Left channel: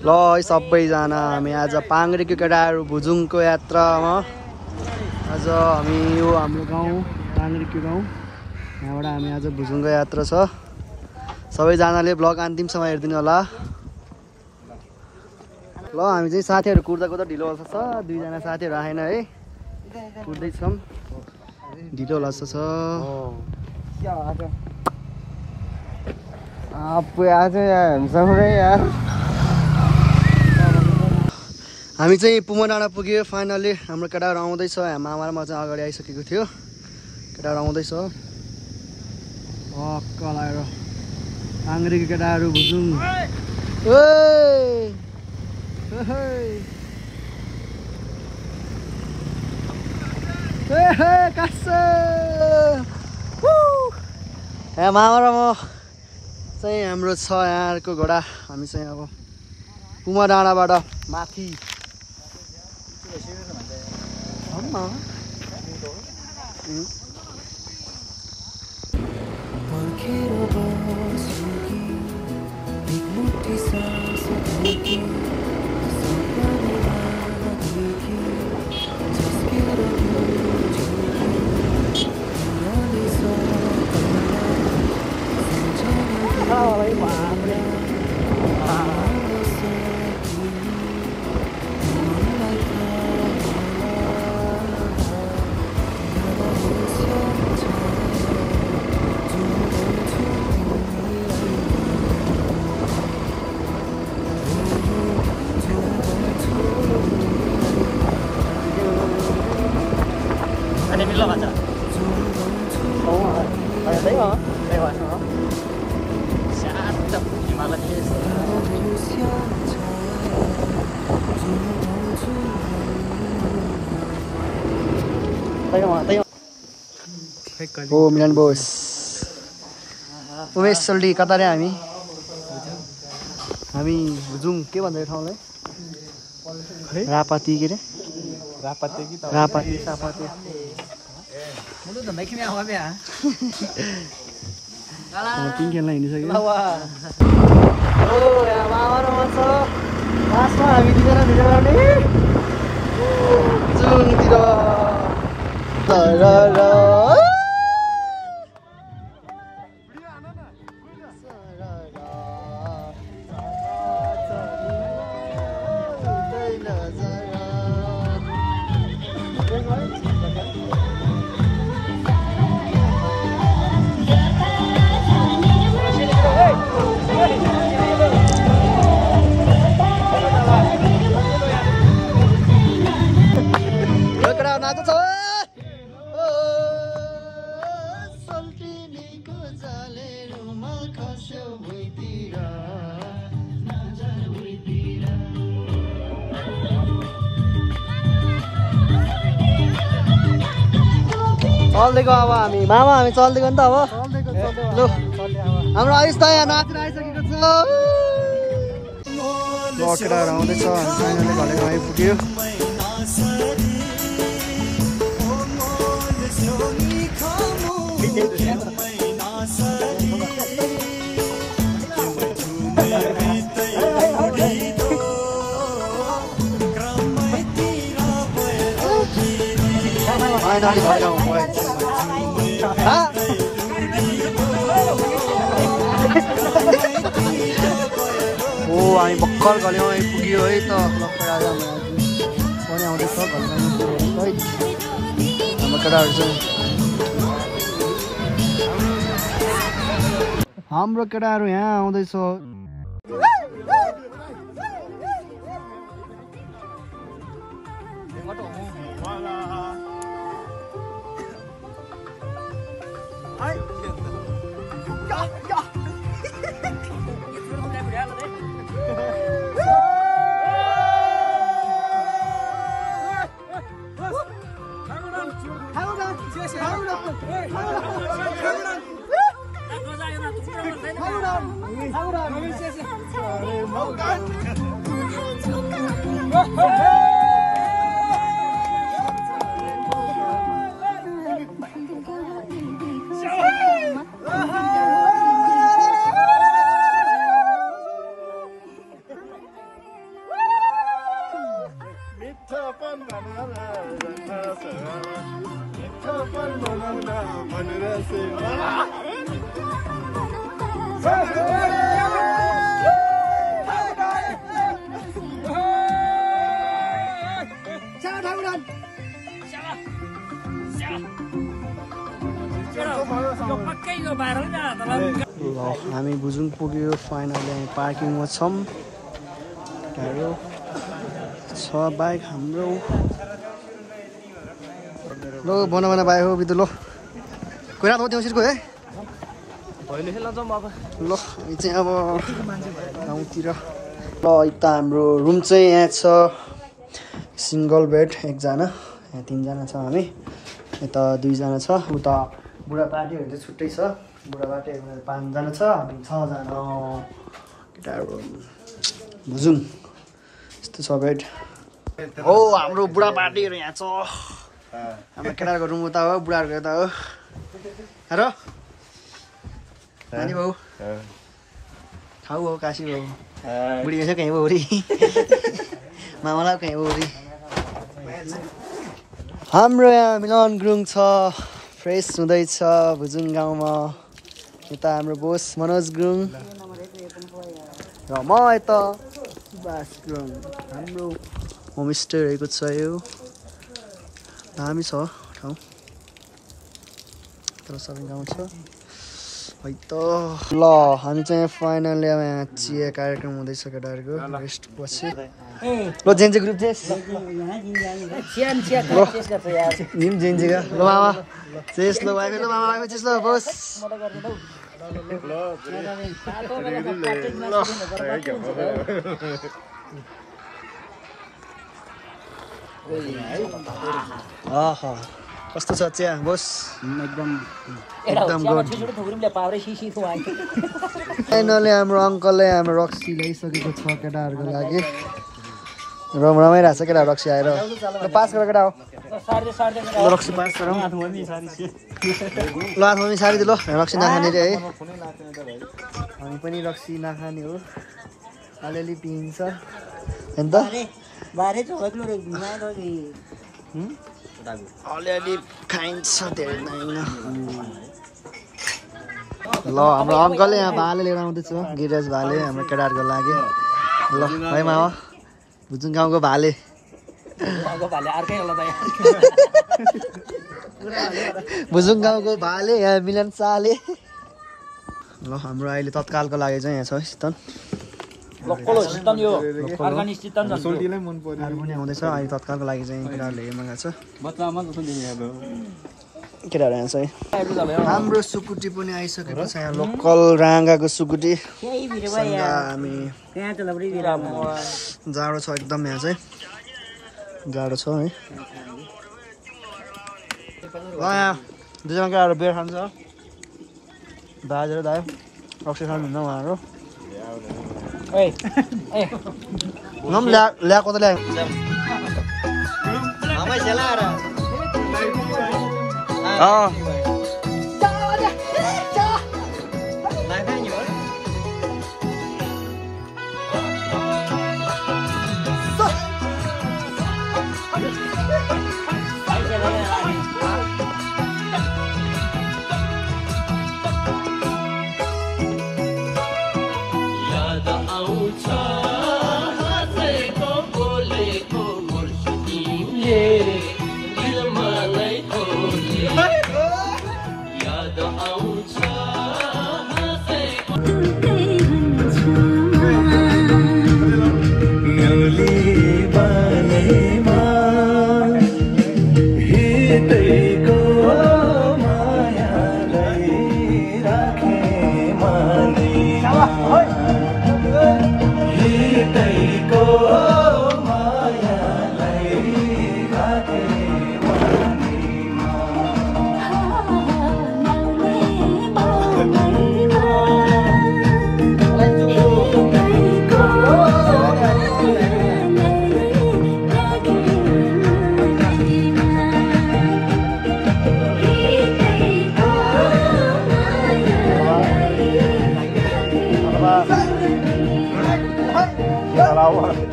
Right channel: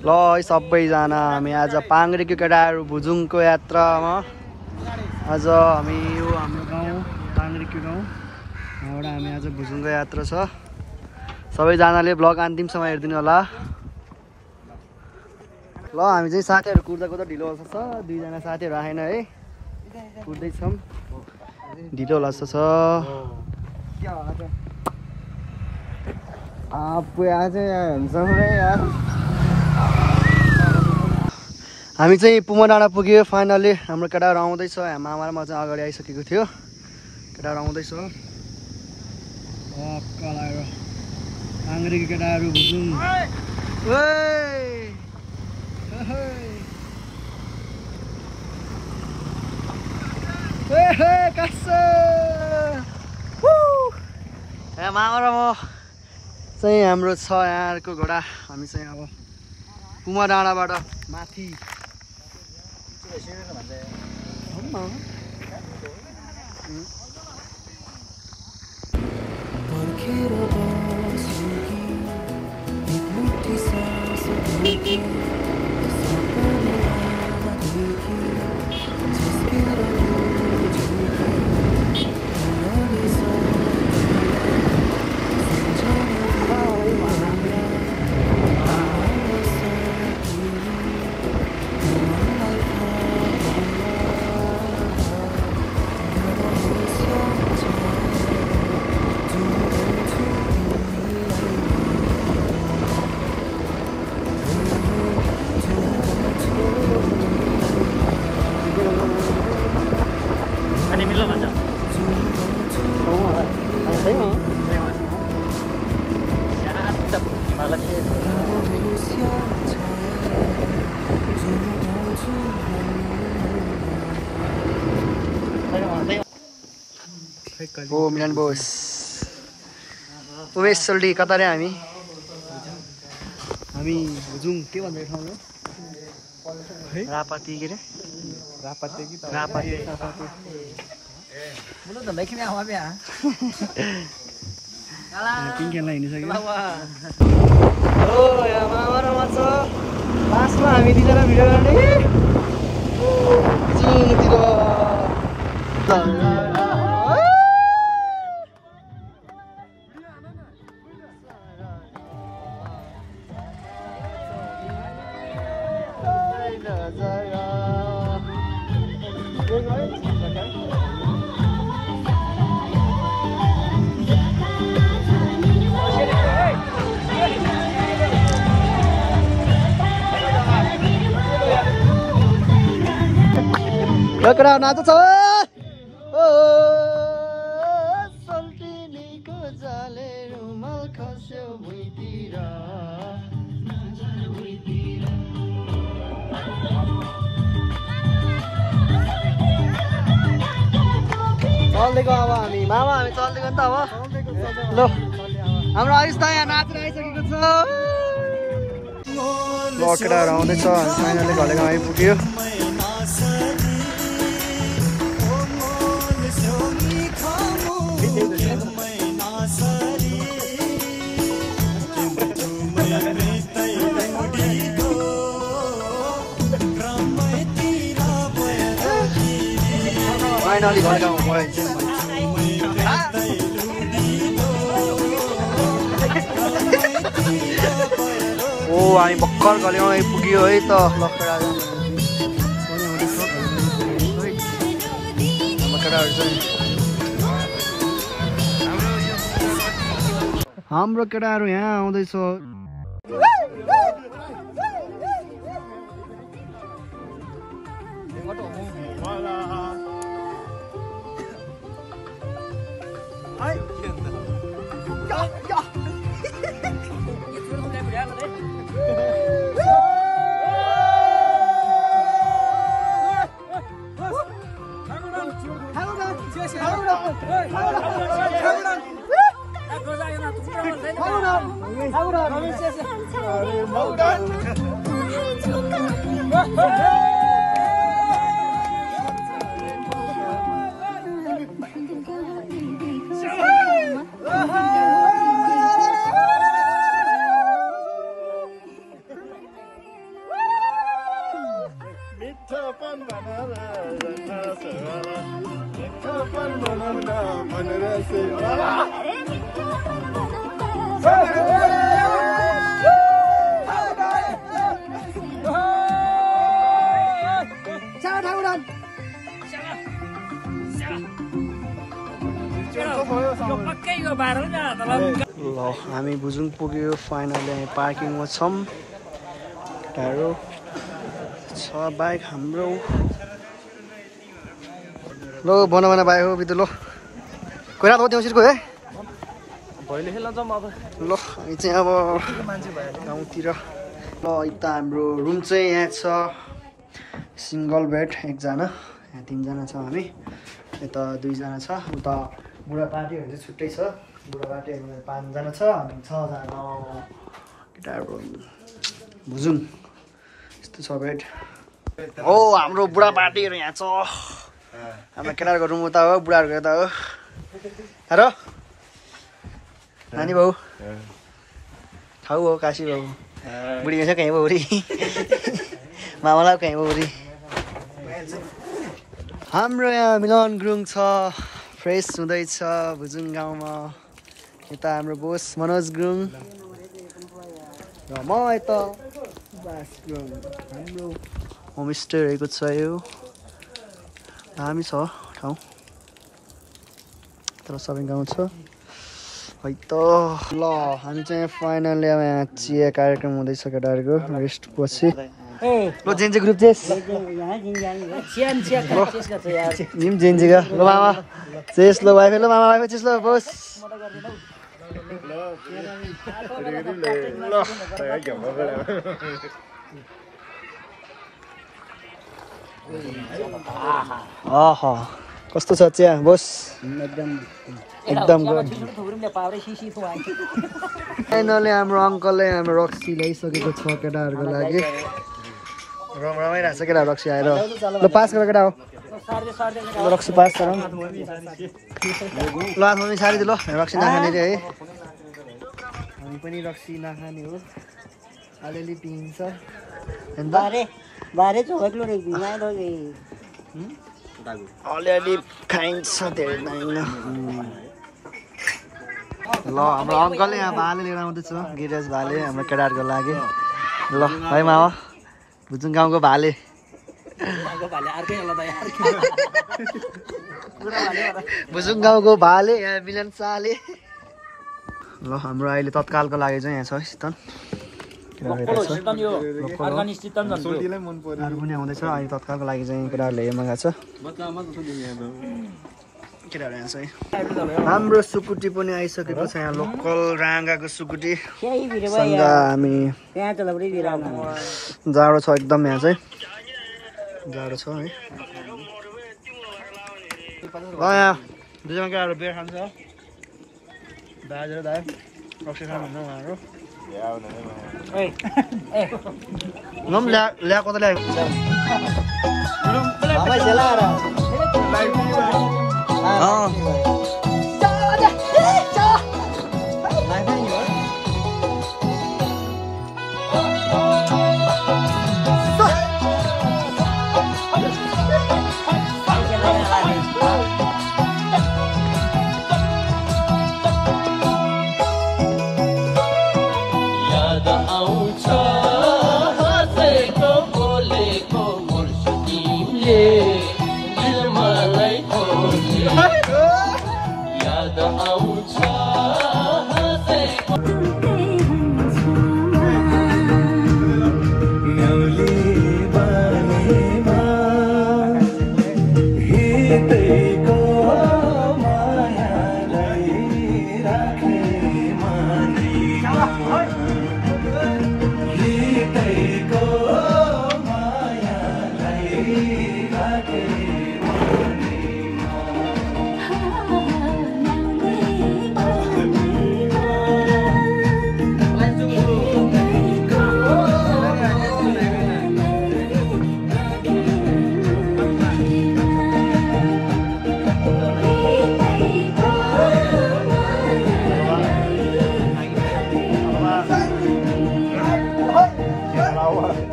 ल है सबैजना हामी आज पाङ्ग्रेको केटाहरू भुजुङको यात्रामा आज हामी यो हाम्रो गाउँ पाङ्ग्रेको गाउँ यहाँबाट हामी आज भुजुङको यात्रा छ। सबैजनाले ब्लग अन्तिमसम्म हेरिदिनु होला। ल हामी चाहिँ साथीहरू कुर्दा कुर्दा ढिलो होला छ, दुईजना साथीहरू आएन है, कुर्दैछौँ, ढिलो होला छ। हामी चाहिँ पुमा डाँडा पुग्यो फाइनली। हाम्रो केटाहरू आउँदैछ, मामा र म चाहिँ अगाडि आइसकेको थियो, केटाहरू आउँदैछ हक्क लगाएर। पाङ्ग्रेको केटाहरू भुजुङ यहाँ मामा र म चाहिँ हाम्रो छ यहाँको घोडा। हामी चाहिँ अब पुमा डाँडाबाट माथि हो मिलन बोस उमेश सोल्टी कता रे? हामी भुजुङ के भन्छ यो ठाउँलाई? रापाती के रे? रापाती किन खेल्न हिँडिसक्यो। हो यहाँ मामा र म छ लास्टमा हामी दुईजना भिडियो गर्ने भुजुङतिर। केटा नाच्छ ओ सल्टिनीको जाले रुमाल खस्यो भुइँतिर। चल्दैको अब हामी मामा हामी चल्दैको नि त अब ल हाम्रो आयुष त यहाँ नाचेर आइसकेको छ। ल केटाहरू आउँदैछ, हामी फाइनली घलेगाउँ आइपुग्यो। फाइनली घलेगाउँ ओ हामी भर्खर घलेगाउँ आइपुग्यो है त। हाम्रो केटाहरू चाहिँ हाम्रो केटाहरू यहाँ आउँदैछ। ल हामी भुजुङ पुग्यो फाइनली हामी पार्किङमा छौँ टाढो छ बाइक हाम्रो ल बना बाइक हो बिदु ल कोइरा हो त्यहाँ सिरको है ल हामी चाहिँ अब गाउँतिर ल यता हाम्रो रुम चाहिँ यहाँ छ सिङ्गल बेड एकजना यहाँ तीनजना छ हामी यता दुईजना छ उता बुढा पार्टीहरू चाहिँ छुट्टै छ बुढा पार्टीहरू 5 जना छ हामी 6 जना केटाहरू भुजुङ यस्तो छ बेड हो हाम्रो बुढा पार्टीहरू यहाँ छ हाम्रो केटाहरूको रुम उता हो बुढाहरूको यता हो र नानी बाउ ठाउँ हो काशी बाउ बुढी छ कहीँ बाउरी मामालाई कहीँ बाउरी हाम्रो यहाँ मिलन गुरुङ छ फ्रेस हुँदैछ भुजुङ गाउँमा यता हाम्रो बोस मनोज गुरुङ र म यता सुभाष गुरुङ हाम्रो होमस्टे रहेको छ यो दामी छ ठाउँ तर सबै गाउँ छ है त ल हामी चाहिँ फाइनली अब यहाँ चिया कार्यक्रम हुँदैछ केटाहरूको रेस्ट पछि ल जेन्जी ग्रुप चेस निम जेन्जी का ल मामा चेस ल वाइफ ल मामा वाइफ चेस ल बस आहा कस्तो छ चिया बस एकदम गुड फाइनली हाम्रो अङ्कलले हाम्रो रक्सी ल्याइसकेको छ केटाहरूको लागि रमाइरहेको छ केटा रक्सी आएर ल पास गरेर केटा हो ल रक्सी पास गरौँ ल हामी सारी दियो ल रक्सी नखाने रे है हामी पनि रक्सी नखाने हो अलिअलि पिइन्छ होइन त अलिअलि खाइन्छ धेरै होइन ल हाम्रो अङ्कलले यहाँ भाले लिएर आउँदैछ गिरिराज भाले हाम्रो केटाहरूको लागि ल है मामा भुजुङ गाउँको भाले भुजुङ गाउँको भाले यहाँ मिलन शाहले ल हाम्रो अहिले तत्कालको लागि चाहिँ यहाँ छ शीतन पनि आउँदैछ अहिले तत्कालको लागि चाहिँ केटाहरूले मगाएको छ केटाहरू यहाँ चाहिँ हाम्रो सुकुटी पनि आइसकेको छ यहाँ लोकल राँगाको सुकुटी सँग हामी जाडो छ एकदम यहाँ चाहिँ जाडो छ है ल यहाँ दुईजना केटाहरू बियर खान्छ दाजु र दाइ रक्सी खानुहुन्न उहाँहरू ल्याएको त ल्याएको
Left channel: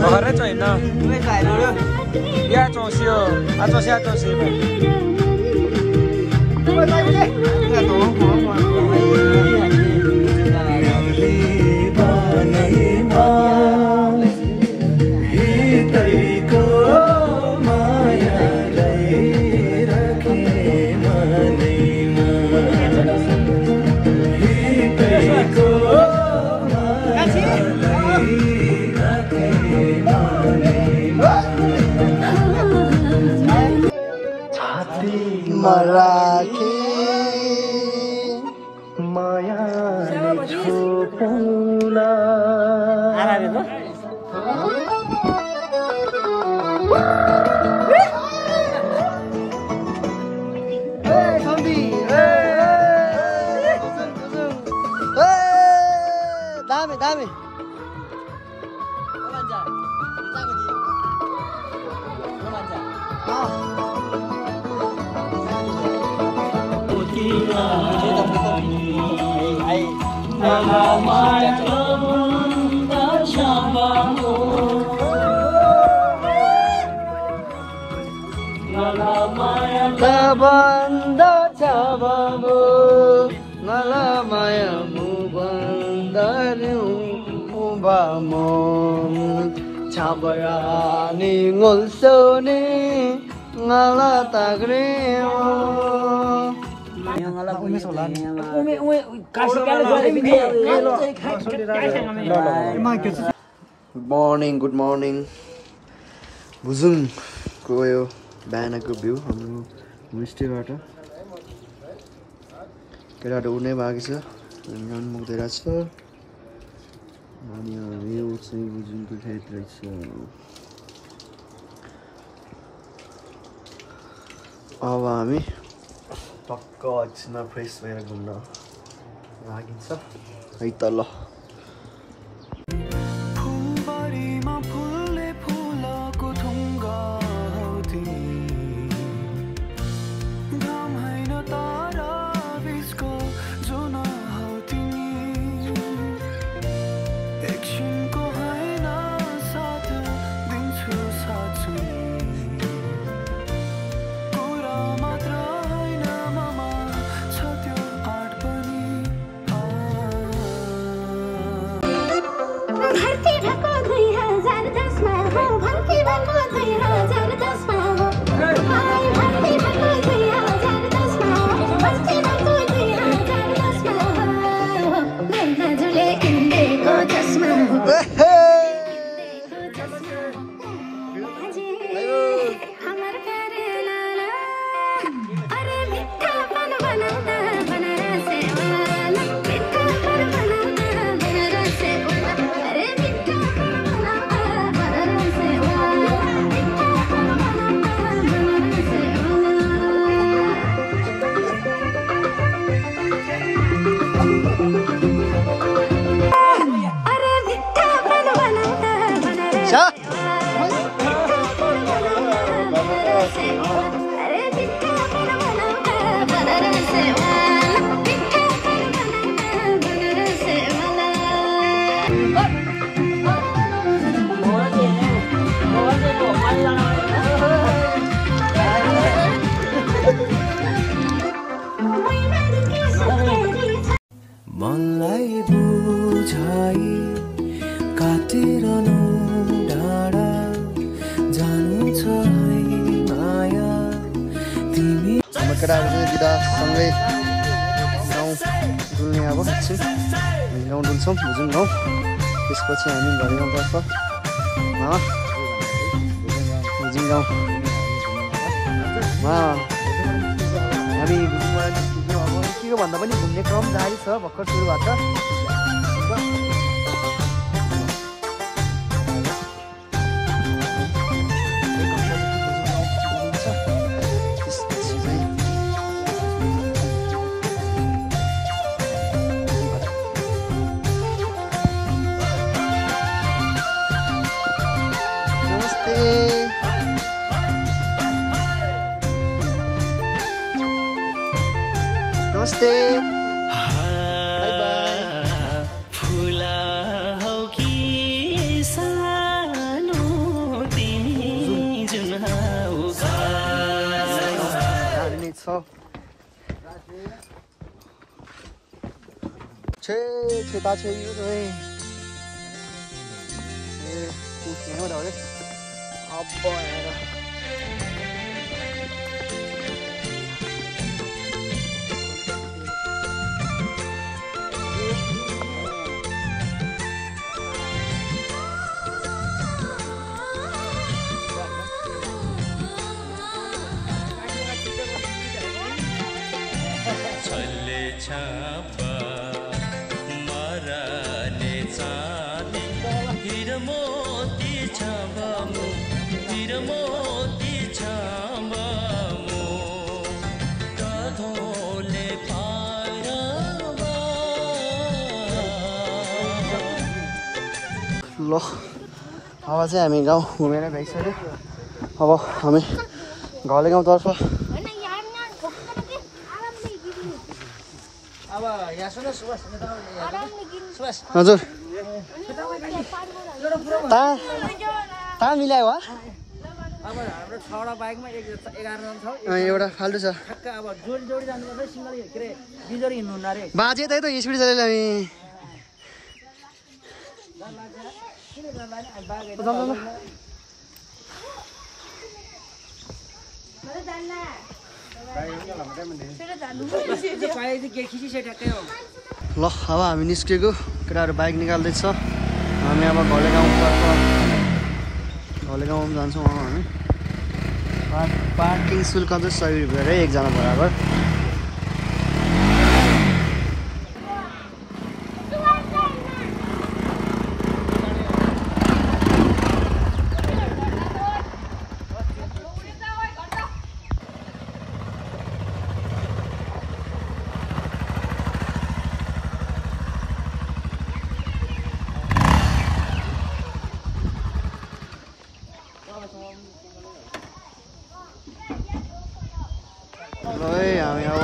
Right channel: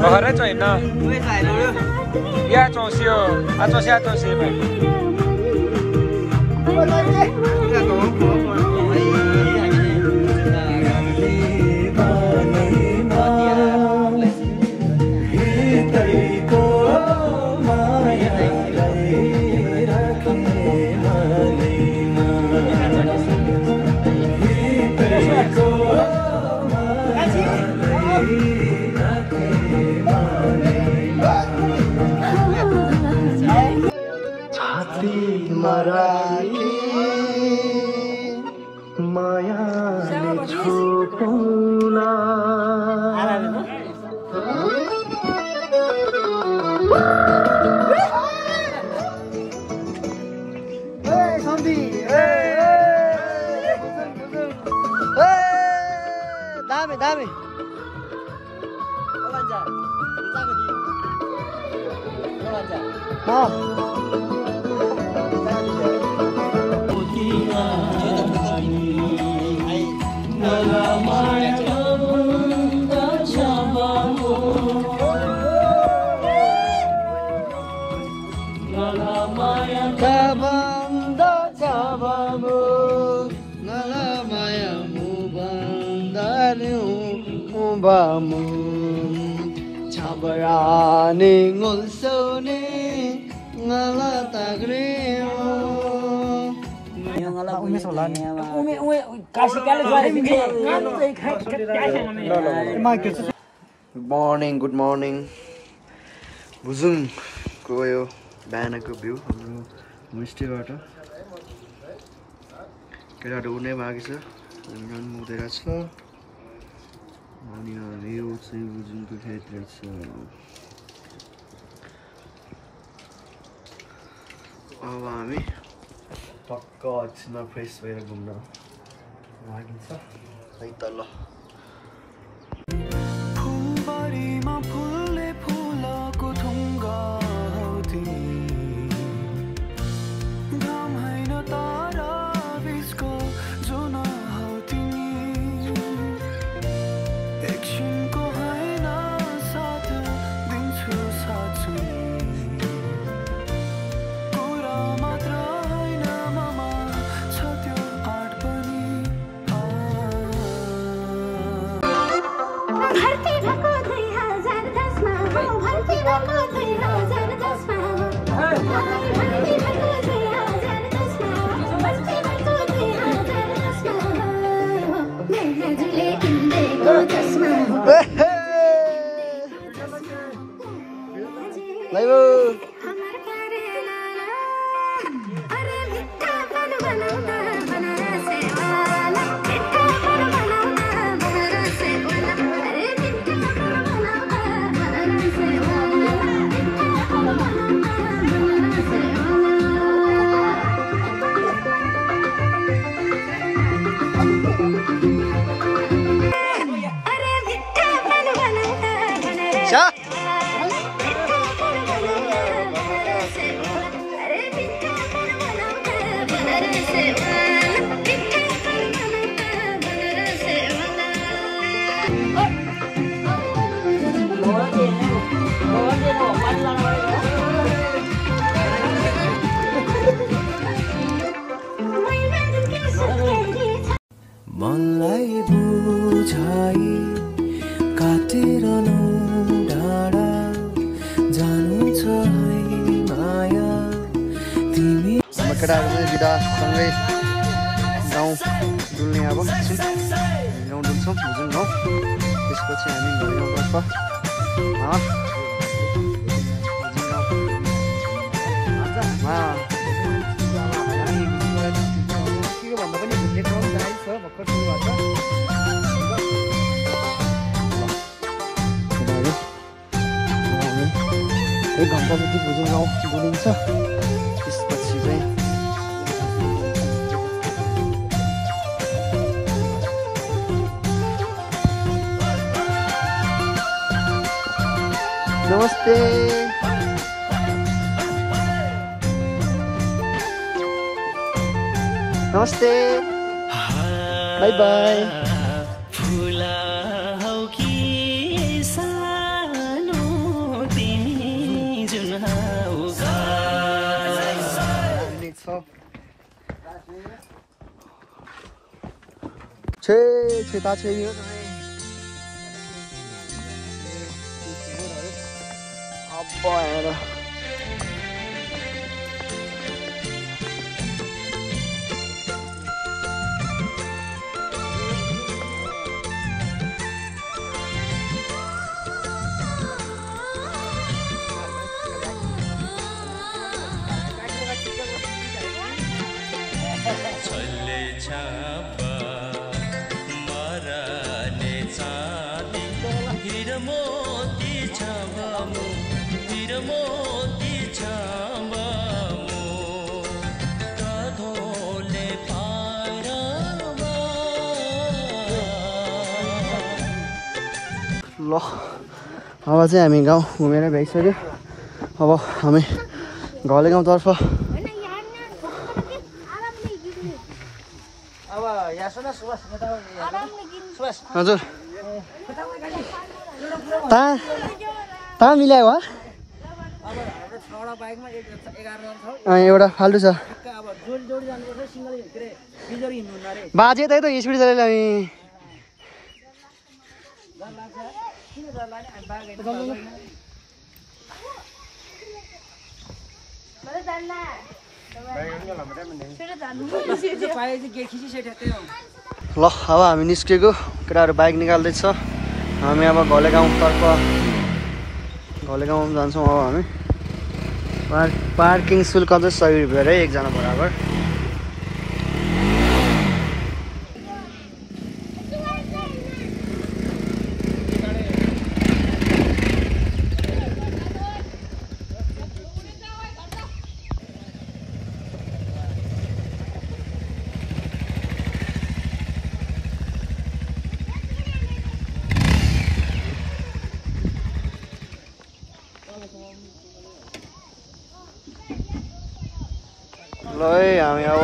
Bahara coy na. Ya chosio, atosia tosi ba. Marathi Maya Chotula Hey Sandy Hey Dame dame Kabanda cabamu ngalamaya mubandariu mubamon cabayani ngulsoni ngalatagriu Good morning Buzung को यो बिहानको भ्यू हाम्रो होमस्टेबाट केटाहरू उड्नै बाँकी छ हामी रनमुक्दै छ अनि यो चाहिँ बुजुङको खेत रहेछ अब हामी टक्क एकछिनमा फ्रेस भएर घुम्न लागिन्छ है त ल फुलबारीमा फुल्ने फुलको ढुङ्गा केटाहरू चाहिँ बिदासँगै गाउँ डुल्ने अब एकछिन हामी गाउँ डुल्छौँ भुजुङ गाउँ त्यसपछि हामी घर गाउँतर्फ भुजुङ गाउँमा हामी भुजुङबाट निस्किन्छौँ अब के भन्दा पनि घुम्ने क्रम जारी छ भर्खर सुरु भएको छ भुजुङ गाउँ डुलिन्छ त्यसपछि चाहिँ नमस्ते नमस्ते बाई बाई फुला हौ कि सानो तिमी जुन हौ दामी छ छे छिपा छ यो रे हो रे अब हेर छापा मराने चाँदी हिर मोती छाबमु हिर मोती छाबमु कधोले पारमा ल अब चाहिँ हामी गाउँ घुमेर भइसक्यो अब हामी घले गाउँतर्फ हजुर मिलायो एउटा फाल्टु छ बाजे त स्पिड चलेर ल अब हामी निस्केको केटाहरू बाइक निकाल्दैछ हामी अब घले गाउँतर्फ घले गाउँमा जान्छौँ अब हामी पार्किङ शुल्क चाहिँ 100 रुपियाँ है एकजना बराबर ल है हामी अब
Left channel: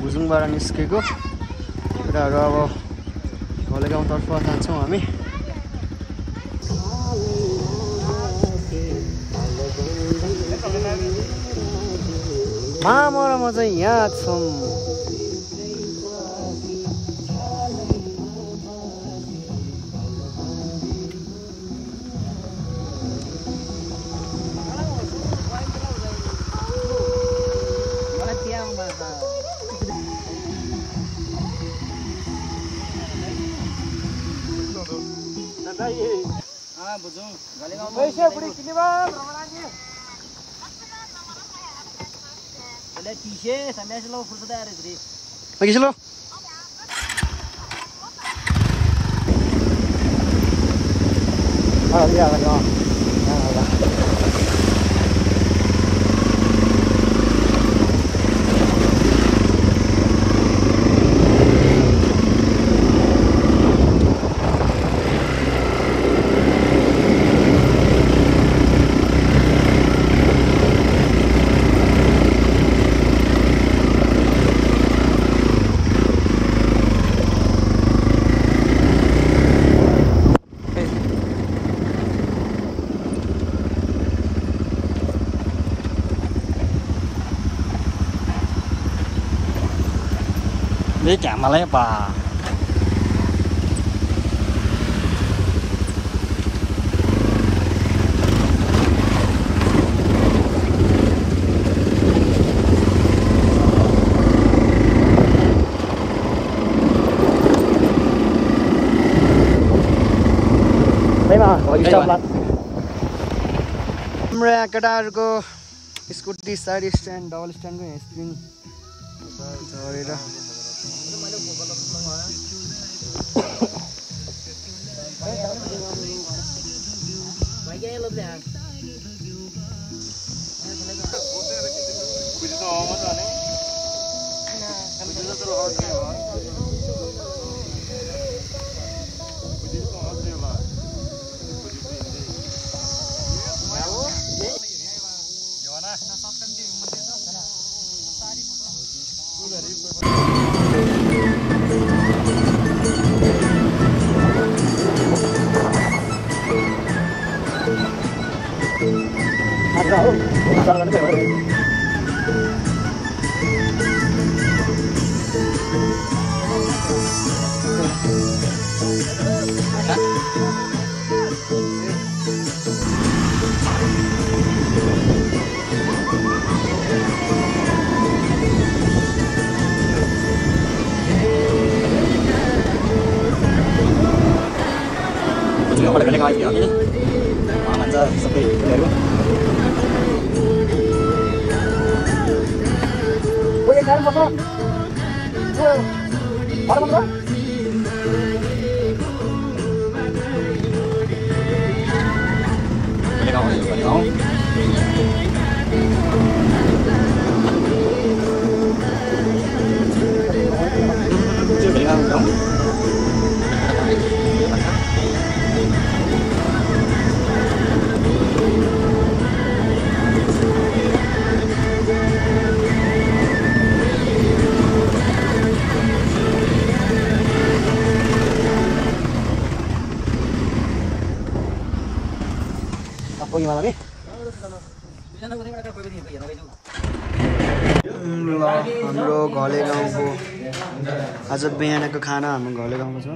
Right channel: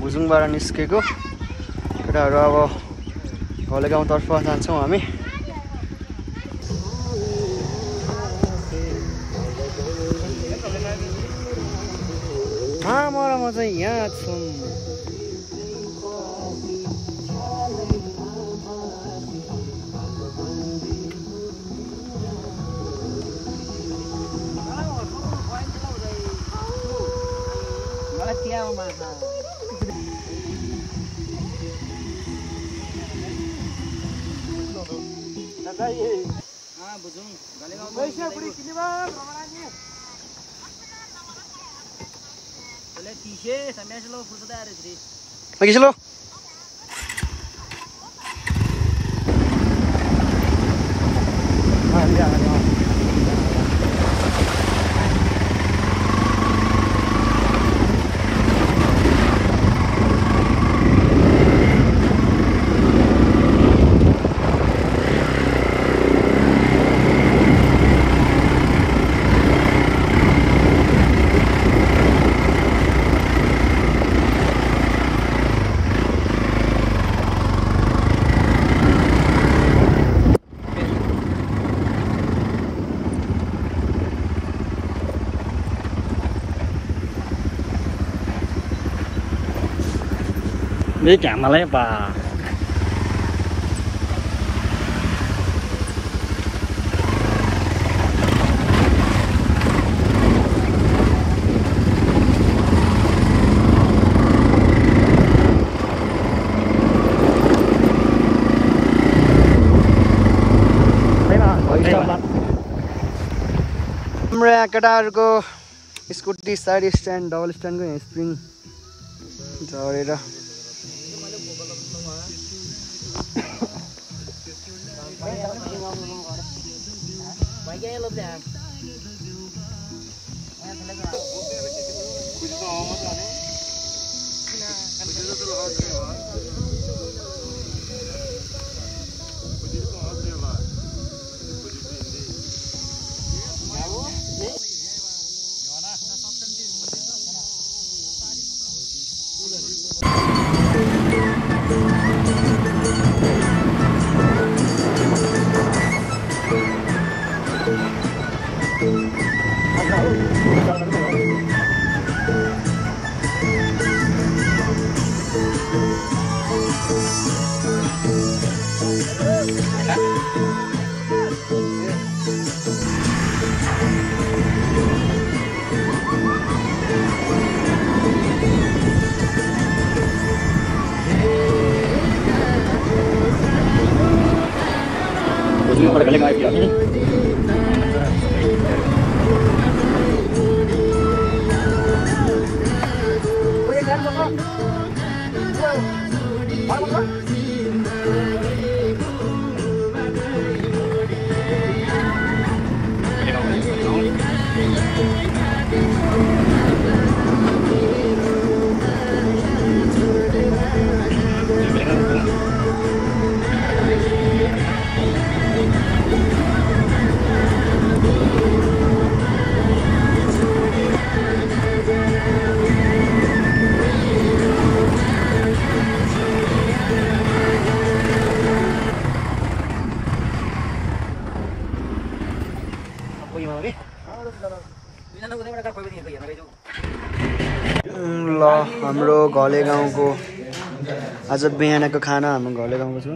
भुजुङबाट निस्केको केटाहरू अब घले गाउँतर्फ जान्छौँ हामी मामा र म चाहिँ यहाँ छौँ Lagi sih lo? Ini camalnya apa? हाम्रो यहाँ केटाहरूको स्कुटी साइड स्ट्यान्ड डबल स्ट्यान्डको यहाँ स्प्रिङ झरेर ल हाम्रो घले गाउँको आज बिहानको खाना हाम्रो घले गाउँको छ।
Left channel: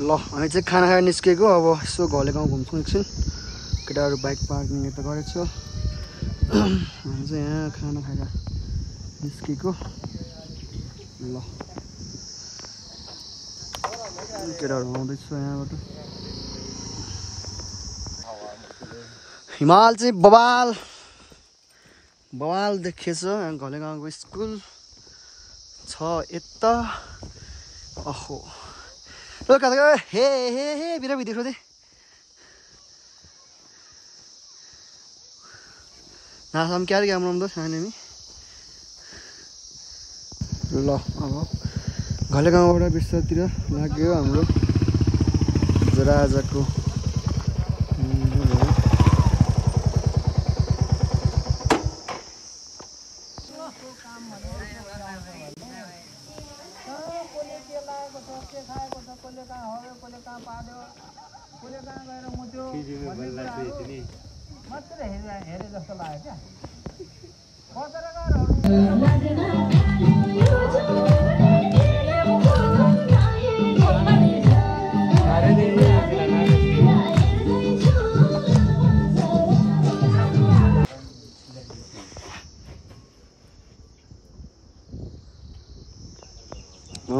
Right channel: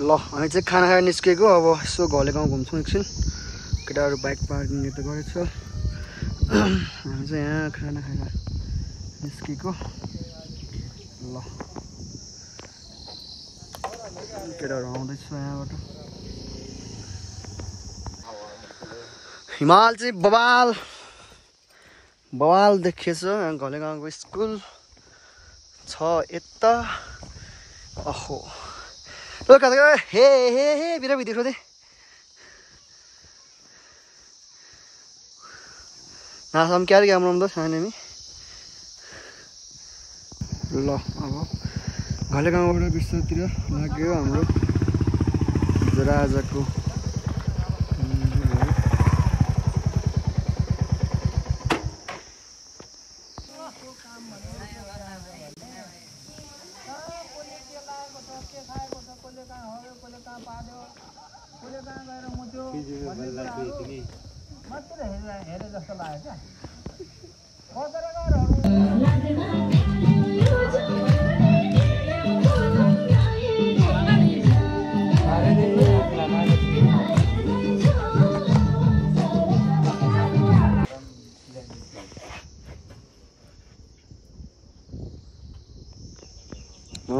ल हामी चाहिँ खाना खाएर निस्केको अब यसो घले गाउँ घुम्छौँ एकछिन। केटाहरू बाइक पार्किङ त गरेको छ। हामी चाहिँ यहाँ खाना खाएर निस्केको। ल केटाहरू आउँदैछ यहाँबाट। हिमाल चाहिँ बवाल बवाल देखिएछ। यहाँ घले गाउँको स्कुल छ यता। अहो कता हे हे हे बिरा भिडियो खोजे नासम क्या राम्रो छैन नि। ल अब घले गाउँबाट बिर्सातिर लाग्यो हाम्रो आजको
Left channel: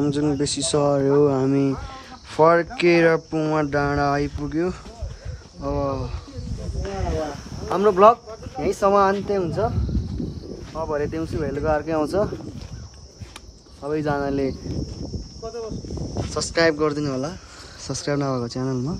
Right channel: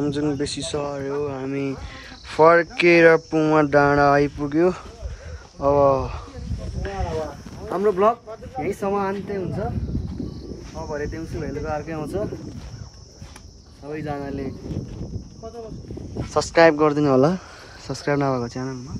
जुन बेसी सर्यो। हामी फर्केर पुमा डाँडा आइपुग्यो। अब हाम्रो ब्लग यहीँसम्म अन्त्य हुन्छ। अब भरे देउसी भैलोको अर्कै आउँछ। सबैजनाले सब्सक्राइब गरिदिनु होला सब्सक्राइब नभएको च्यानलमा।